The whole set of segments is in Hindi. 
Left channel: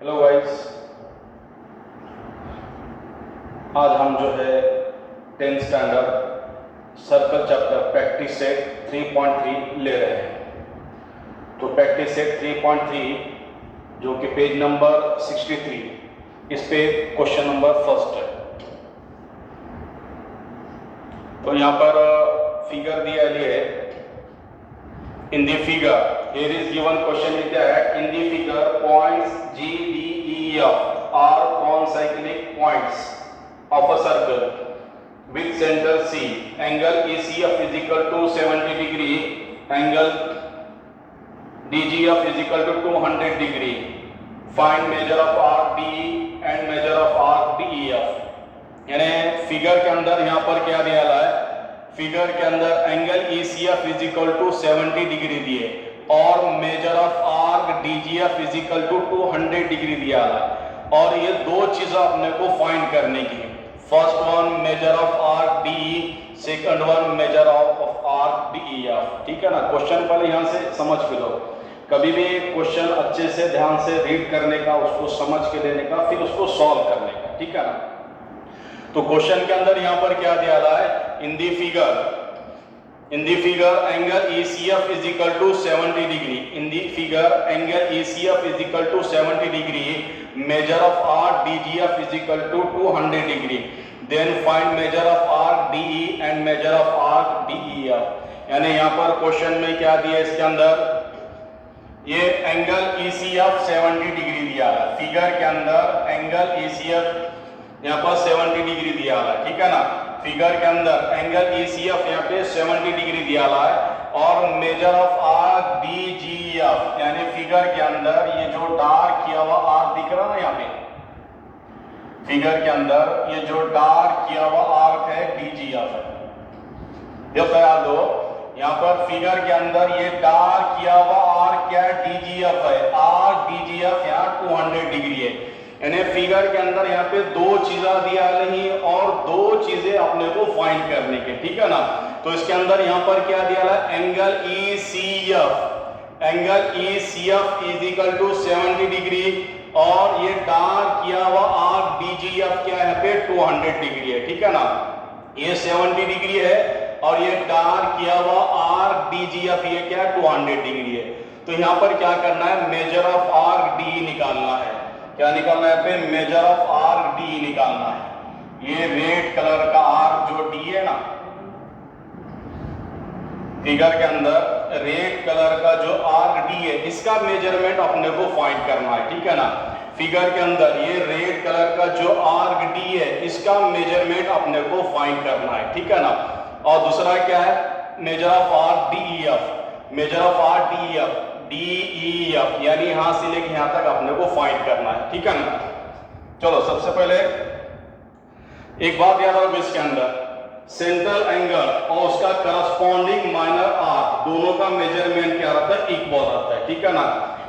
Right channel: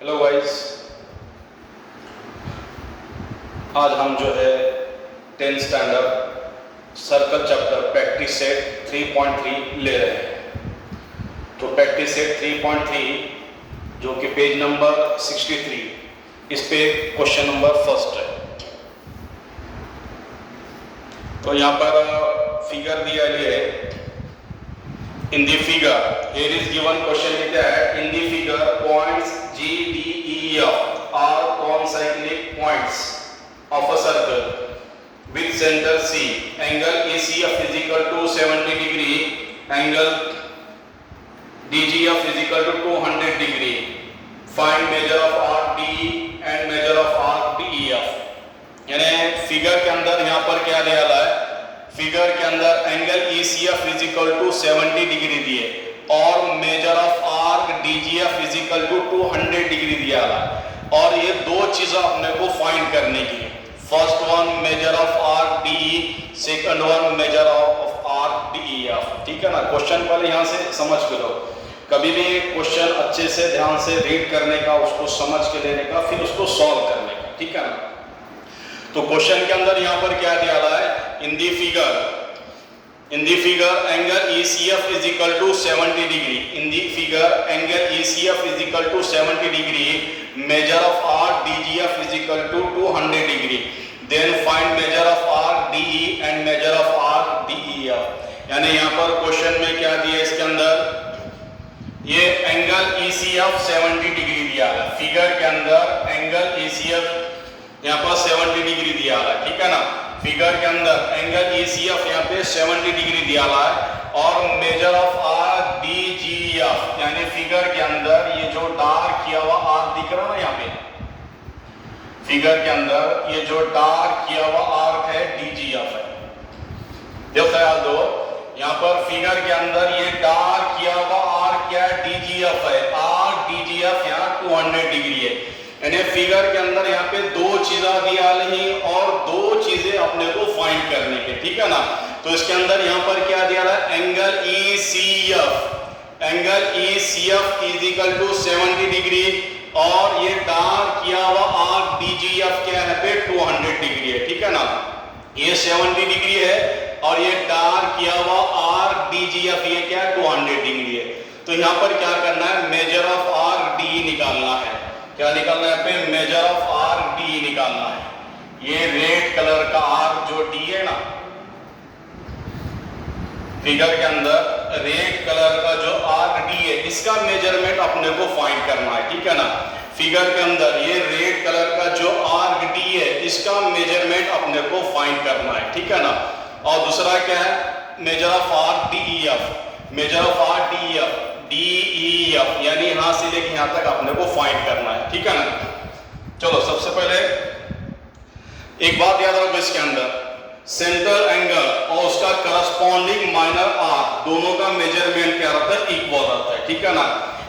हेलो गाइस, आज हम जो है 10th standard circle chapter practice set 3.3 ले रहे हैं। तो प्रैक्टिस सेट 3.3 जो कि पेज नंबर 63, इस पे क्वेश्चन नंबर फर्स्ट है। तो यहाँ पर फिगर दिया है। In the figure here is given question is that in the figure points G, D, E, F are concentric points of a circle with center C. Angle ACF is equal to 70 degree. Angle DGF is equal to 200 degree. Find measure of RDE and measure of RDEF. यानी फिगर के अंदर यहाँ पर क्या दिया है? फिगर के अंदर angle ECF is equal to 70 degree दिए और measure of arc DGF is equal to 200 degree दिया है। और ये दो चीजें अपने को फाइंड करने की है। First one major of arc DE, second one major of arc DEF। ठीक है ना। क्वेश्चन पहले यहाँ से समझ के लो। कभी भी क्वेश्चन अच्छे से ध्यान से रीड करने का, उसको समझ के लेने का, फिर उसको सॉल्व करने का। ठीक है ना। तो क्वेश्चन के अंदर यहाँ पर क्या दिया है? In the figure angle ECF is equal to 70 degree. In the figure angle ECF is equal to 70 degree. Measure of arc DGF is equal to 200 degree. Then find measure of arc DE and measure of arc DEF। यानी यहाँ पर क्वेश्चन में क्या दिया? इसके अंदर ये एंगल ECF 70 डिग्री दिया है। फिगर के अंदर एंगल ECF यहाँ पर 70 डिग्री दिया है। ठीक है ना। फिगर के अंदर एंगल ECF यहाँ पे 70 डिग्री दिया है और मेजर ऑफ आर्क DGF यानी फिगर के अंदर ये जो डार्क किया हुआ आर्क दिख रहा है यहाँ पे, फिगर के अंदर ये जो डार्क किया हुआ आर्क है DGF है। देखो याद दो, यहाँ पर फिगर के अंदर ये डार्क किया हुआ आर्क क्या है? DGF है। आर्क DGF यहाँ 200 डिग्री है। यानी फिगर के अंदर यहाँ पे दो चीजें दिया नहीं और दो चीजें अपने को फाइंड करने के। ठीक है ना। तो इसके अंदर यहाँ पर क्या दिया है? Angle ECF is equal to 70 degree और ये डार्क किया हुआ आर्क DGF क्या है? पे 200 डिग्री है। ठीक है ना। ये 70 डिग्री है और ये डार्क किया हुआ आर्क DGF ये क्या है? 200 डिग्री है। तो यहाँ पर क्या करना है? मेजर ऑफ आर्क DE निकालना है। क्या निकालना है? पे मेजर ऑफ आर्क DE निकालना है। ये रेड कलर का आर्क जो D है ना, फिगर के अंदर रेड कलर का जो आर्क D है, इसका मेजरमेंट अपने को फाइंड करना है। ठीक है ना। फिगर के अंदर ये रेड कलर का जो आर्क D है, इसका मेजरमेंट अपने को फाइंड करना है। ठीक है ना। और दूसरा क्या है? Measure of arc DEF। Major of arc DEF यानी यहां से लेकर यहां तक अपने को फाइंड करना है। ठीक है ना। चलो सबसे पहले एक बात याद रखो, इसके अंदर सेंट्रल एंगल और उसका करस्पॉन्डिंग माइनर आर्क दोनों का मेजरमेंट क्या रहता है? इक्वल रहता है। ठीक है ना।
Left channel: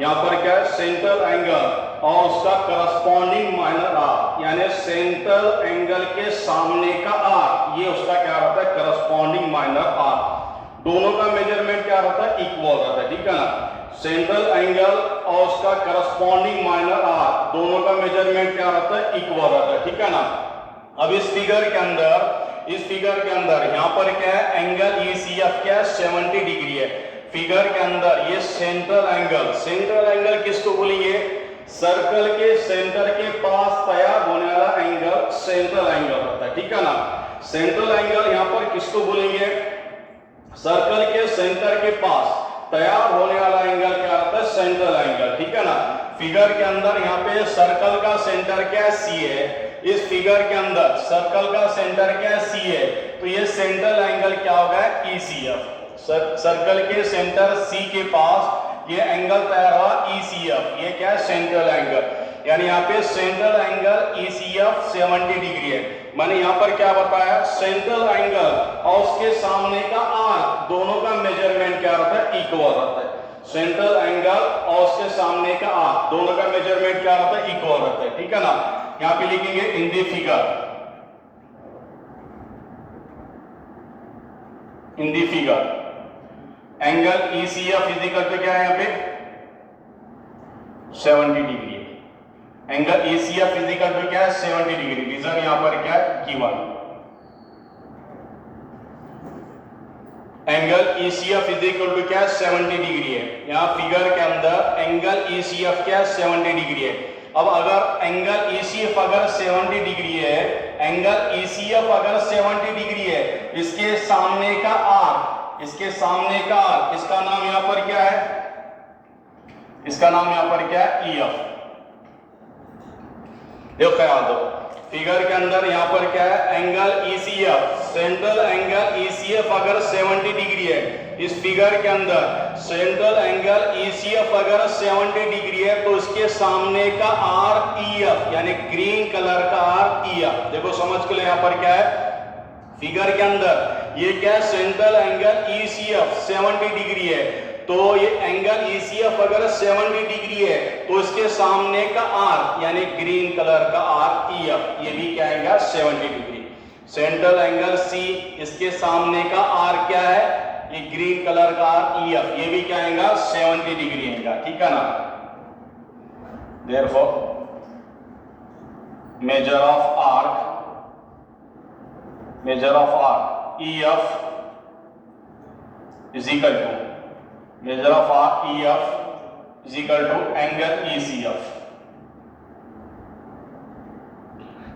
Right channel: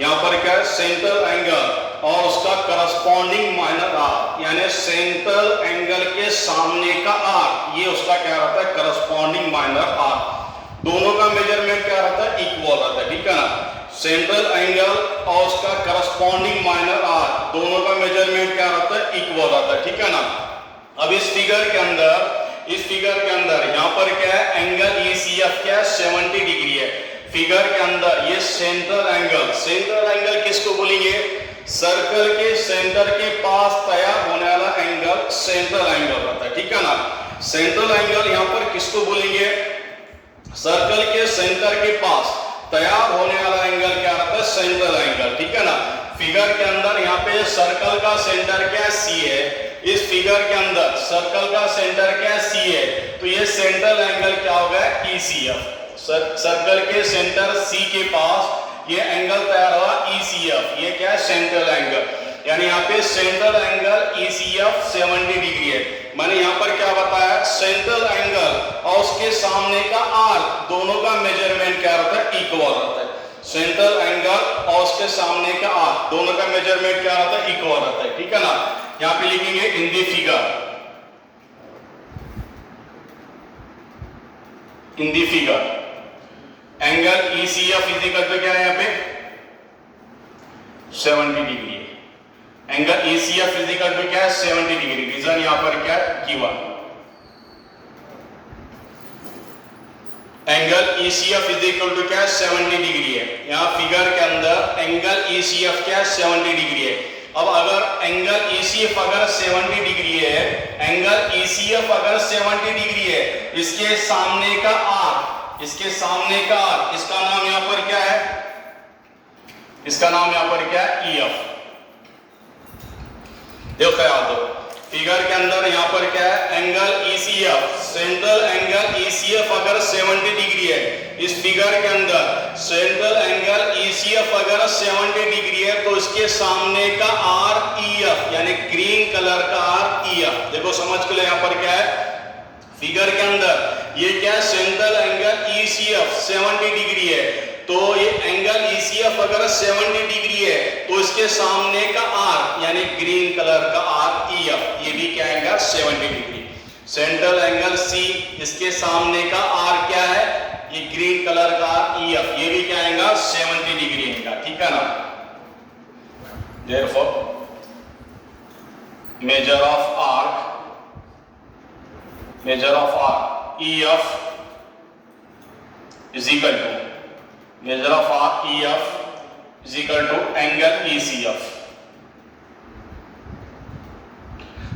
यहाँ पर क्या है? सेंट्रल एंगल और उसका करस्पॉन्डिंग माइनर आर्क यानी सेंट्रल एंगल के सामने का आर्क, ये उसका क्या रहता है? Corresponding minor arc. दोनों का मेजरमेंट क्या रहता है? इक्वल रहता है। ठीक है ना। सेंट्रल एंगल और उसका करस्पॉन्डिंग माइनर आर्क दोनों का मेजरमेंट क्या रहता है? इक्वल रहता है। ठीक है ना। अब इस फिगर के अंदर यहाँ पर क्या है? एंगल ECF क्या है? 70 डिग्री है। फिगर के अंदर ये सेंट्रल एंगल किसको बोलेंगे? सर्कल के सेंटर के पास तैयार होने वाला एंगल सेंट्रल एंगल रहता है। ठीक है ना। सेंट्रल एंगल यहाँ पर किसको बोलेंगे? सर्कल के सेंटर के पास तैयार होने वाला एंगल क्या रहता है? Central angle. ठीक है ना। फिगर के अंदर यहाँ पे सर्कल का सेंटर क्या C है। इस फिगर के अंदर सर्कल का सेंटर क्या C है, तो ये सेंट्रल एंगल क्या होगा? ECF। सर्कल के सेंटर C के पास ये एंगल तैयार हुआ ECF, ये क्या है? Central angle. यानी यहाँ पे सेंट्रल एंगल ECF 70 डिग्री है। मैंने यहाँ पर क्या बताया? सेंट्रल एंगल और उसके सामने का आर्क दोनों का मेजरमेंट क्या रहता है? इक्वल रहता है। सेंट्रल एंगल और उसके सामने का आर्क दोनों का मेजरमेंट क्या रहता है? इक्वल रहता है। ठीक है ना। यहाँ पे लिखेंगे in the figure angle ECF is equal to क्या है? यहाँ पे 70 डिग्री है। Angle ECF is equal to क्या है 70 डिग्री। रीजन यहां पर क्या है given. Angle ECF is equal to क्या है 70 डिग्री है। यहां फिगर के अंदर एंगल ECF क्या है 70 डिग्री है। अब अगर एंगल ECF अगर 70 डिग्री है, एंगल ECF अगर 70 डिग्री है, इसके सामने का आर्क, इसके सामने का आर्क, इसका नाम यहां पर क्या है, इसका नाम यहां पर क्या है EF। देखो याद हो फिगर के अंदर यहां पर क्या है angle ECF, central angle ECF अगर 70 डिग्री है, इस फिगर के अंदर सेंट्रल एंगल ECF अगर 70 डिग्री है तो इसके सामने का आर्क EF यानी ग्रीन कलर का आर्क EF। देखो समझ के लिए यहां पर क्या है फिगर के अंदर ये क्या है सेंट्रल एंगल ECF 70 डिग्री है, तो ये एंगल ECF अगर 70 डिग्री है तो इसके सामने का आर्क यानी ग्रीन कलर का आर्क EF ये भी क्या आएगा 70 डिग्री। सेंट्रल एंगल C इसके सामने का आर्क क्या है ये ग्रीन कलर का आर्क EF ये भी क्या आएगा 70 डिग्री आएगा। ठीक है ना। Therefore measure of arc EF is equal to measure of arc EF is equal to angle ECF।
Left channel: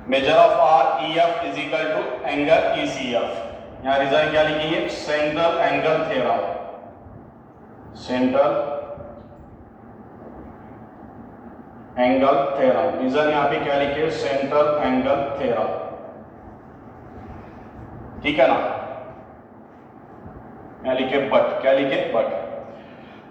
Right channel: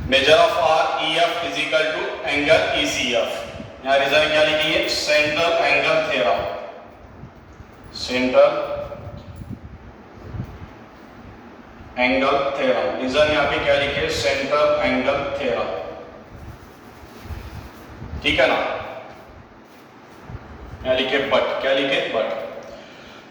measure of arc EF is equal to angle ECF। यहाँ रिजल्ट क्या लिखेंगे central angle theorem, central angle theorem. Result यहाँ पे क्या लिखे सेंट्रल एंगल थ्योरम। ठीक है ना। यहाँ लिखे बट, क्या लिखे बट।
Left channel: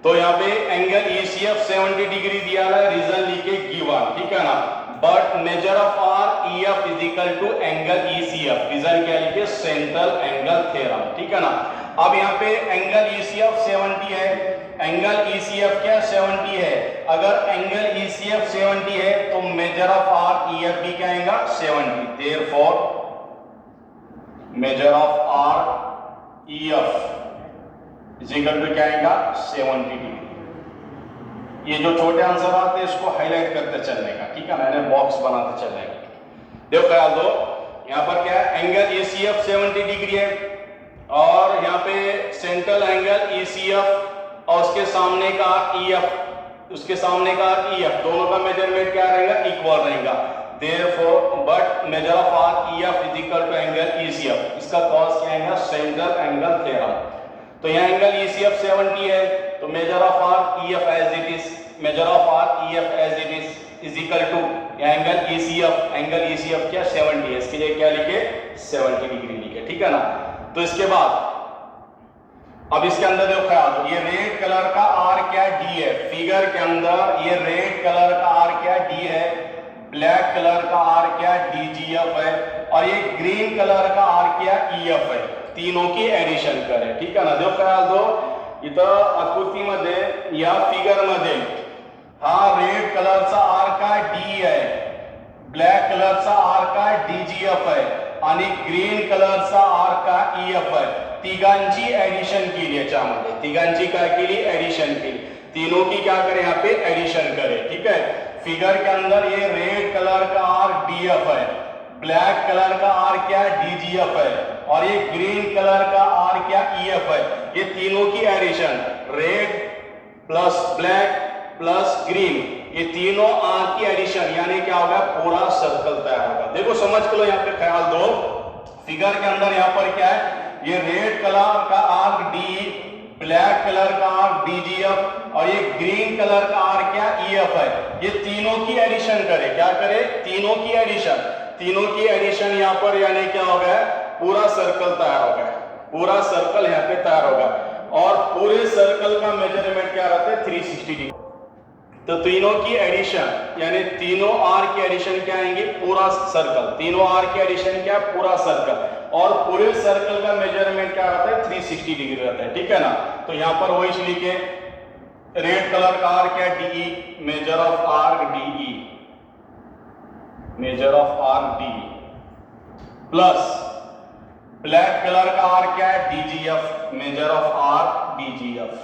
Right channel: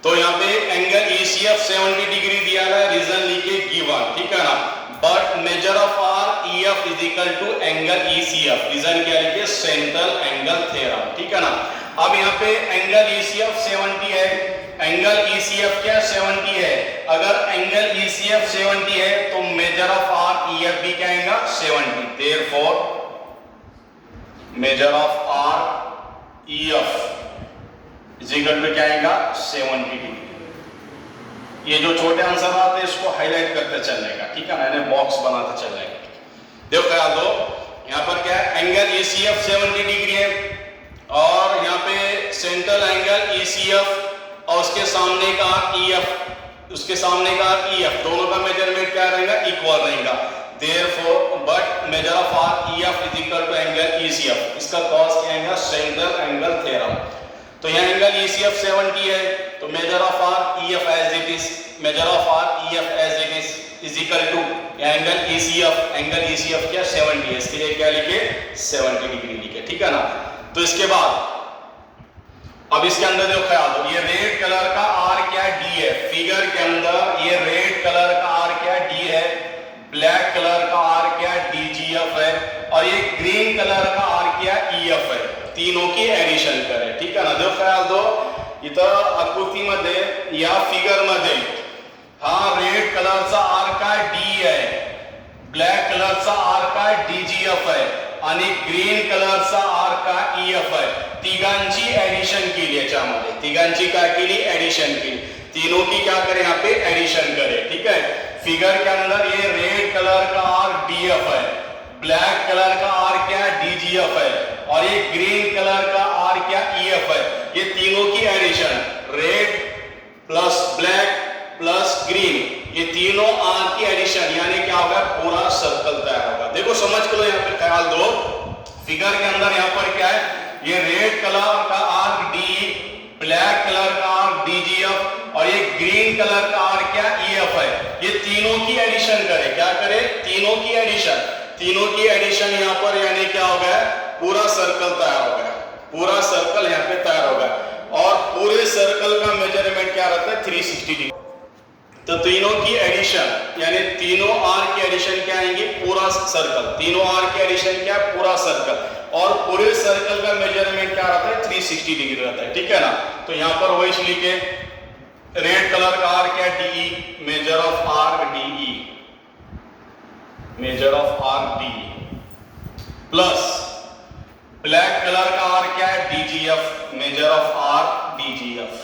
तो यहाँ पे एंगल ECF 70 डिग्री दिया है, रीजन लिखे गिवन। ठीक है ना। But measure of arc EF is equal to angle ECF, reason क्या लिखे सेंट्रल एंगल थ्योरम। ठीक है ना। अब यहाँ पे एंगल ECF 70 है, एंगल ECF क्या 70 है। अगर एंगल ECF 70 है तो मेजर ऑफ आर्क EF भी क्या आएगा 70। Therefore measure of arc EF is equal to क्या आएगा 70 डिग्री। ये जो छोटे आंसर आते हैं इसको हाईलाइट करते चलने का। ठीक है ना, यानी बॉक्स बनाते चलने का। देखो क्या दो यहाँ पर क्या है एंगल ECF 70 डिग्री है और यहाँ पे सेंट्रल एंगल ECF और उसके सामने का EF, उसके सामने का EF दोनों का मेजरमेंट क्या रहेगा इक्वल रहेगा। Therefore but measure of arc EF is equal to angle ECF। इसका कॉस क्या आएगा सेंट्रल एंगल थ्योरम। तो यहाँ एंगल ECF 70 है तो measure of arc EF as it is, measure of arc EF as it is equal to angle ECF क्या 70 है, इसके लिए क्या लिखे 70 डिग्री लिखे। ठीक है ना। तो इसके बाद अब इसके अंदर देखो ख्याल दो ये रेड कलर का आर्क क्या D है। फिगर के अंदर ये रेड कलर का आर्क क्या D है, ब्लैक कलर का आर्क क्या DGF है और ये ग्रीन कलर का आर्क क्या EF है। तीनों की एडिशन करें। ठीक है ना। देखो ख्याल दो इथं आकृतीमध्ये या फिगर मध्ये हा रेड कलरचा आर्क का D आहे, ब्लॅक कलरचा आर्क का DGF आहे आणि ग्रीन कलरचा आर्क का EF आहे। तिघांची एडिशन केली याच्यामध्ये, तिघांची काय केली एडिशन केली। तीनों की क्या करें यहाँ पे एडिशन करें। ठीक है। फिगर के अंदर ये रेड कलर का आर्क DF है, ब्लैक कलर का आर्क क्या DGF है और ये ग्रीन कलर का आर्क क्या EF है। ये तीनों की addition red plus black plus green, ये तीनों आर्क की एडिशन यानी क्या होगा पूरा सर्कल तैयार होगा। देखो समझ के लो यहाँ पे ख्याल दो फिगर के अंदर यहाँ पर क्या है ये रेड कलर का आर्क D, ब्लैक कलर का आर्क DGF और ये ग्रीन कलर का आर्क क्या EF है। ये तीनों की एडिशन करें, क्या करें तीनों की एडिशन, तीनों की एडिशन यहाँ पर यानी क्या हो गया पूरा सर्कल तैयार हो गया, पूरा सर्कल यहाँ पे तैयार हो गया और पूरे सर्कल का मेजरमेंट क्या रहता है 360 डिग्री। तो तीनों की एडिशन यानी तीनों आर्क की एडिशन क्या आएंगे पूरा सर्कल, तीनों आर्क की एडिशन क्या पूरा सर्कल और पूरे सर्कल का मेजरमेंट क्या रहता है 360 डिग्री रहता है। ठीक है ना। तो यहाँ पर वही लिखे रेड कलर का आर्क क्या DE, measure of arc DE, measure of arc DE plus black colour का आर्क क्या है DGF, measure of arc DGF,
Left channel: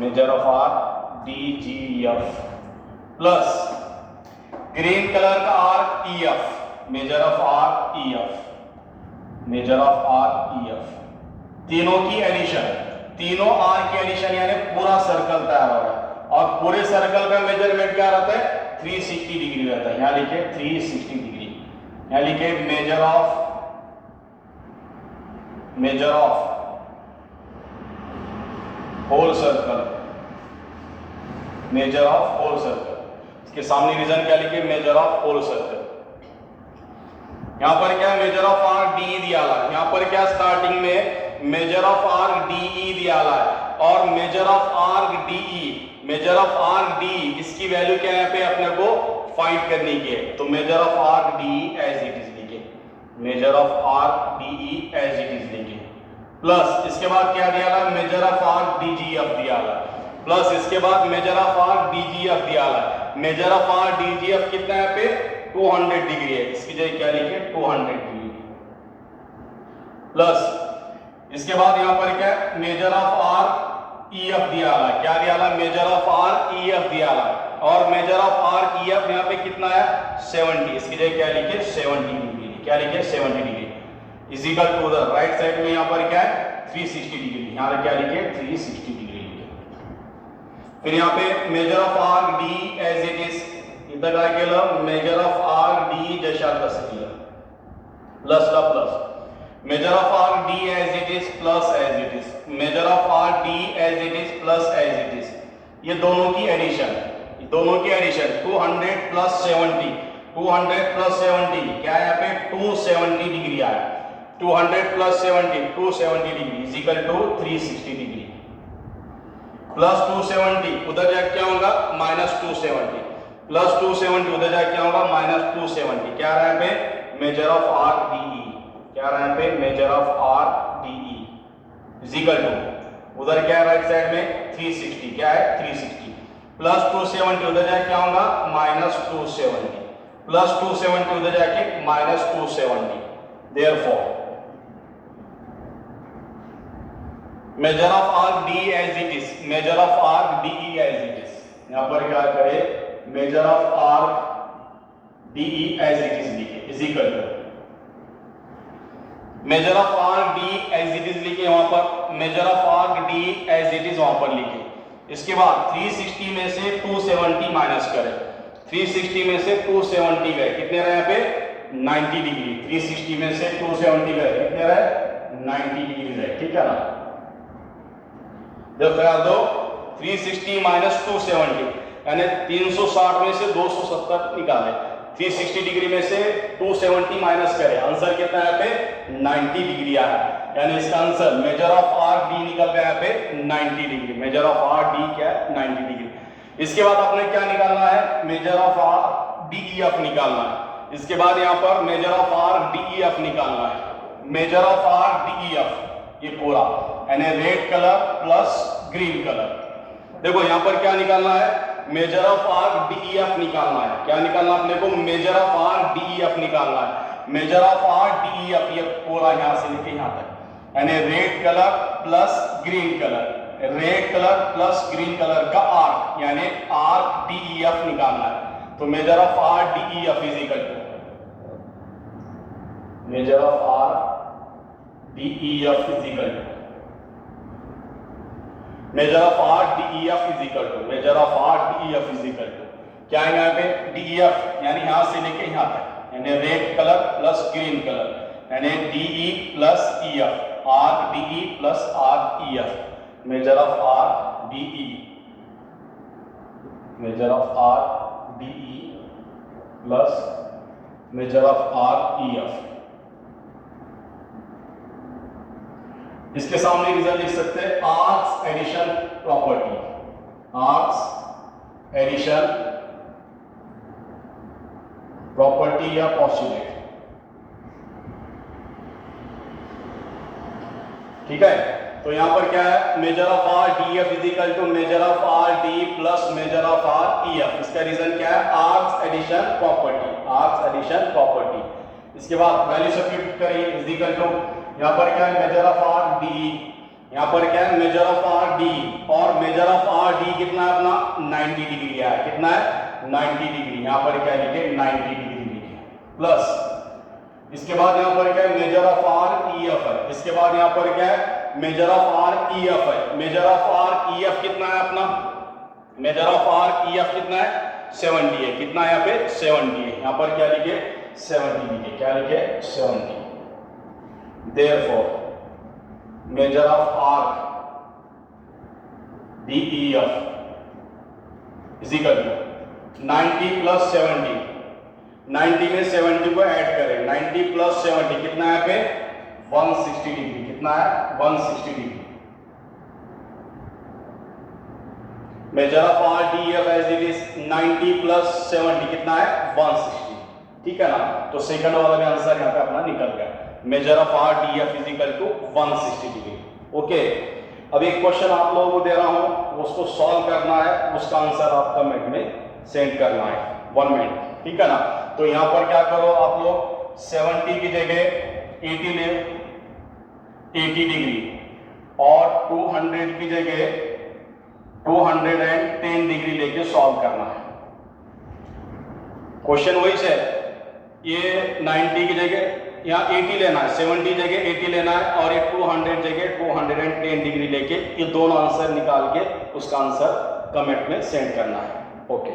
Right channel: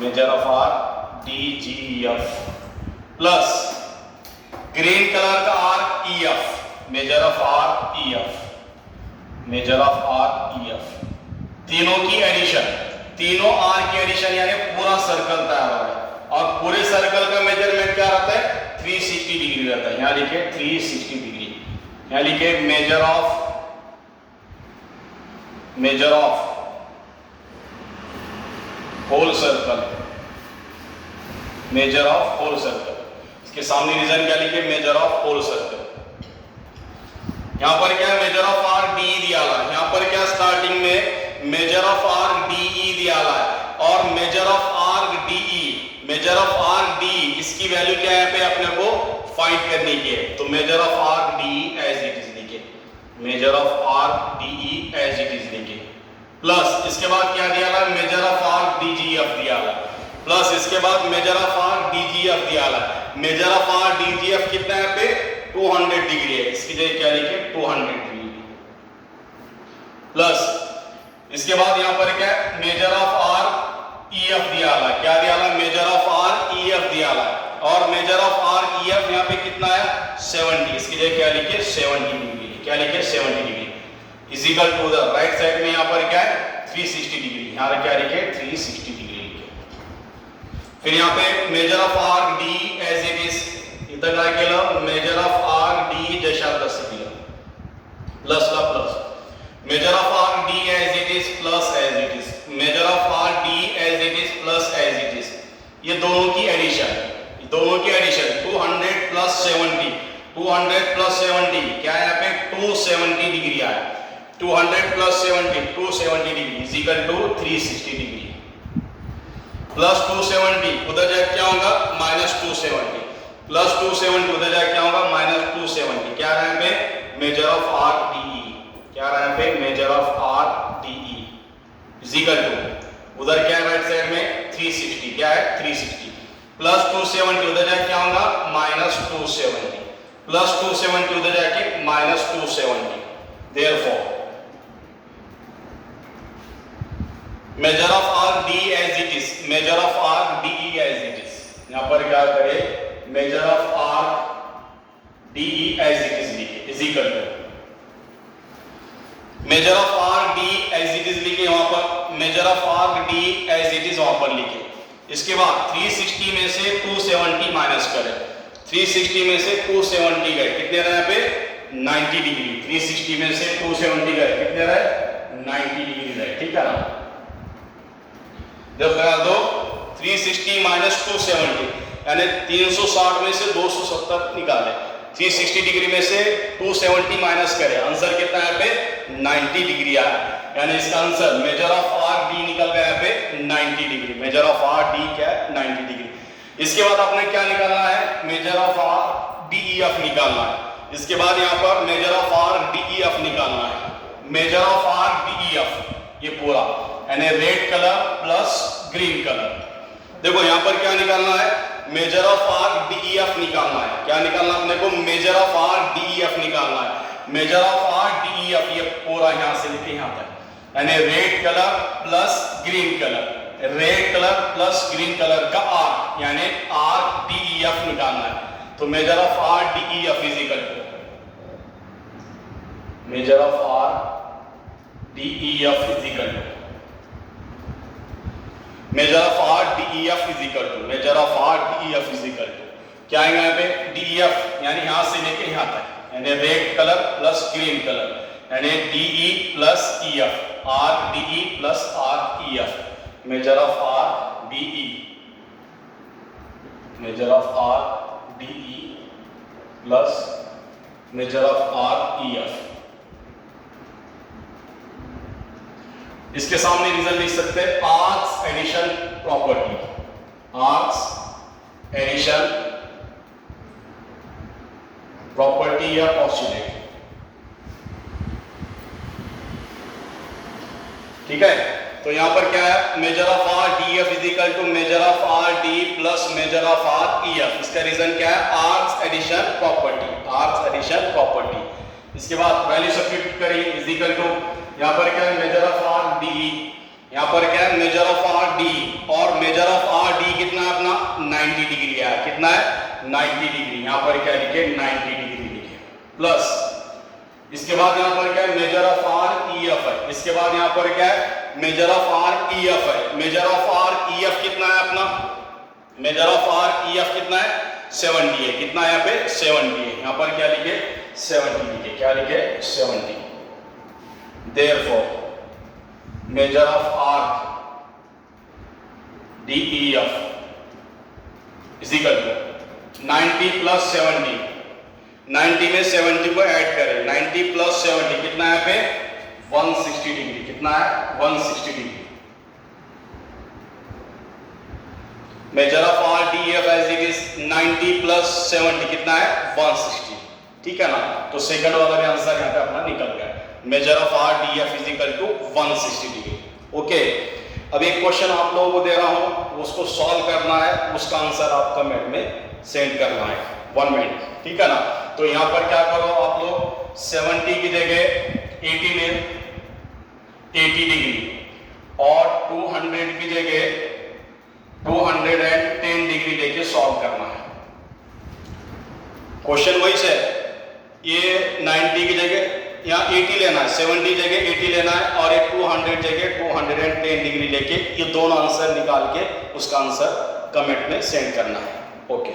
measure of arc DGF plus green colour का arc E F, measure of arc E F, measure of arc E F, तीनों की एडिशन, तीनों आर्क की एडिशन यानी पूरा सर्कल तैयार हो रहा है। और पूरे सर्कल का मेजरमेंट क्या रहता है? 360 डिग्री रहता है। यहां लिखिए 360 डिग्री, यहां लिखिए measure of whole circle, measure of whole circle. इसके सामने रीजन क्या लिखे? Measure of whole circle. यहां पर क्या मेजर ऑफ आर डी दिया हुआ है, यहां पर क्या स्टार्टिंग में मेजर ऑफ आर डी दिया हुआ है और measure of arc D, measure of arc D इसकी वैल्यू क्या है पे अपने को फाइंड करनी है। तो measure of arc D as it is लिखे, measure of arc D as it is लिखे, प्लस इसके बाद क्या दिया हुआ है? Measure of arc D G F दिया हुआ है, प्लस इसके बाद measure of arc D G F दिया हुआ है। Measure of arc D G F कितना है पे? 200 डिग्री है, इसकी जगह क्या लिखे? 200 डिग्री, प्लस इसके बाद यहां पर क्या है? Measure of arc E F दिया हुआ है, क्या दिया हुआ है? Measure of arc E F दिया हुआ है और measure of arc E F यहां पे कितना है? 70, इसकी जगह क्या लिखे? 70 डिग्री, क्या लिखे? 70 degree is equal to the right side में यहां पर क्या है? 360 डिग्री, यहां क्या लिखे? 360 डिग्री लिखे। फिर यहां पे measure of arc D as it is, इधर काय केलं? मेजर ऑफ आर डी जशा तसं केलं, प्लस ला plus, measure of arc D as it is plus as it is, measure of arc D as it is plus as it is, ये दोनों की एडिशन, दोनों की एडिशन 200 प्लस 70, 200 प्लस 70 क्या है यहाँ पे? 270 डिग्री आया, 200 plus 70 270 degree is equal to 360 degree, plus 270 उधर जाके क्या होगा? माइनस 270, प्लस 270 उधर जाके क्या होगा? माइनस 270, क्या रहा है पे? मेजर ऑफ आर डी, क्या रहा है पे? Measure of arc D is equal to उधर क्या है? राइट साइड में 360, क्या है? 360 प्लस 270 उधर जाके क्या होगा? माइनस 270, प्लस 270 उधर जाके minus 270, therefore measure of arc D as it is, measure of arc D as it is, यहां पर क्या करें? Measure of arc D as it is लिखे is equal to measure of arc D as it is लिखे, वहां पर measure of arc D as it is वहां पर लिखे। इसके बाद 360 में से 270 माइनस करें, 360 में से 270 गए, कितने रहे यहाँ पे? 90 डिग्री, 360 में से 270 गए, कितने रहे? 90 डिग्री रहे, ठीक है ना? जब करा दो 360 माइनस 270 यानी 360 में से 270 निकाले, 360 डिग्री में से 270 माइनस करें, आंसर कितना है पे? 90 डिग्री आया, यानी इसका answer major of arc D निकल गया है पे 90 degree, measure of arc D क्या है? 90 डिग्री। इसके बाद आपने क्या निकालना है? Measure of arc D E F निकालना है। इसके बाद यहाँ पर measure of arc D E F निकालना है, measure of arc D E F ये पूरा यानी red colour plus green colour. देखो यहाँ पर क्या निकालना है? Measure of arc D E F निकालना है, क्या निकालना अपने को? Major of arc D E F निकालना है, measure of arc D E F ये पूरा यहाँ से लेके यहाँ तक यानी red colour plus green colour, red colour plus green colour का आर यानी आर डी ई एफ निकालना है। तो measure of arc D E F is equal to measure of arc D E F is equal to measure of arc D E F is equal to measure of arc D E F is equal to क्या है यहाँ पे? डी ई एफ यानी यहां से लेके यहां तक यानी red colour plus green colour यानी D E plus E F, arc D E plus arc E F, measure of arc D E, measure of arc D E plus measure of arc E F. इसके सामने रीजन लिख सकते हैं arcs addition property, arcs addition property या पोस्टुलेट, ठीक है? तो यहां पर क्या है? Measure of arc D F is equal to measure of arc D plus measure of arc E F. इसका रीजन क्या है? Arcs addition property, arcs addition property. इसके बाद वैल्यू सब्स्टिट्यूट करेंगे इज इक्वल टू यहाँ पर क्या है? मेजर ऑफ आर डी, यहाँ पर क्या है? मेजर ऑफ आर डी और मेजर ऑफ आर डी कितना है अपना? 90 डिग्री है, कितना है? 90 डिग्री, यहाँ पर क्या लिखे 90 डिग्री लिखे, प्लस इसके बाद यहाँ पर क्या है measure of arc E F है, इसके बाद यहाँ पर क्या है measure of arc E F है, measure of arc E F कितना है अपना, measure of arc E F कितना है 70 है, कितना है यहाँ पे 70 है, यहाँ पर क्या लिखे 70 लिखे, क्या लिखे 70, therefore measure of arc D E F is equal to 90 plus 70, 90 में 70 को ऐड करें, 90 प्लस 70 कितना है पे 160 डिग्री, कितना है 160 degree, measure of arc D F as it is 90 plus 70 कितना है 160, ठीक है ना। तो सेकंड वाला भी आंसर यहाँ पे अपना निकल गया, measure of arc D F is equal to 160 degree. Okay, अब एक क्वेश्चन आप लोगों को दे रहा हूं, उसको सॉल्व करना है, उसका आंसर आप कमेंट में सेंड करना है 1 मिनट, ठीक है ना। तो यहाँ पर क्या करो आप लोग 70 की जगह 80 ले 80 डिग्री और 200 की जगह 210 डिग्री लेके सॉल्व करना है। क्वेश्चन वही से ये 90 की जगह यहाँ 80 लेना है, 70 जगह 80 लेना है और ये 200 जगह 210 डिग्री लेके ये दोनों आंसर निकाल के उसका आंसर कमेंट में सेंड करना है। ओके।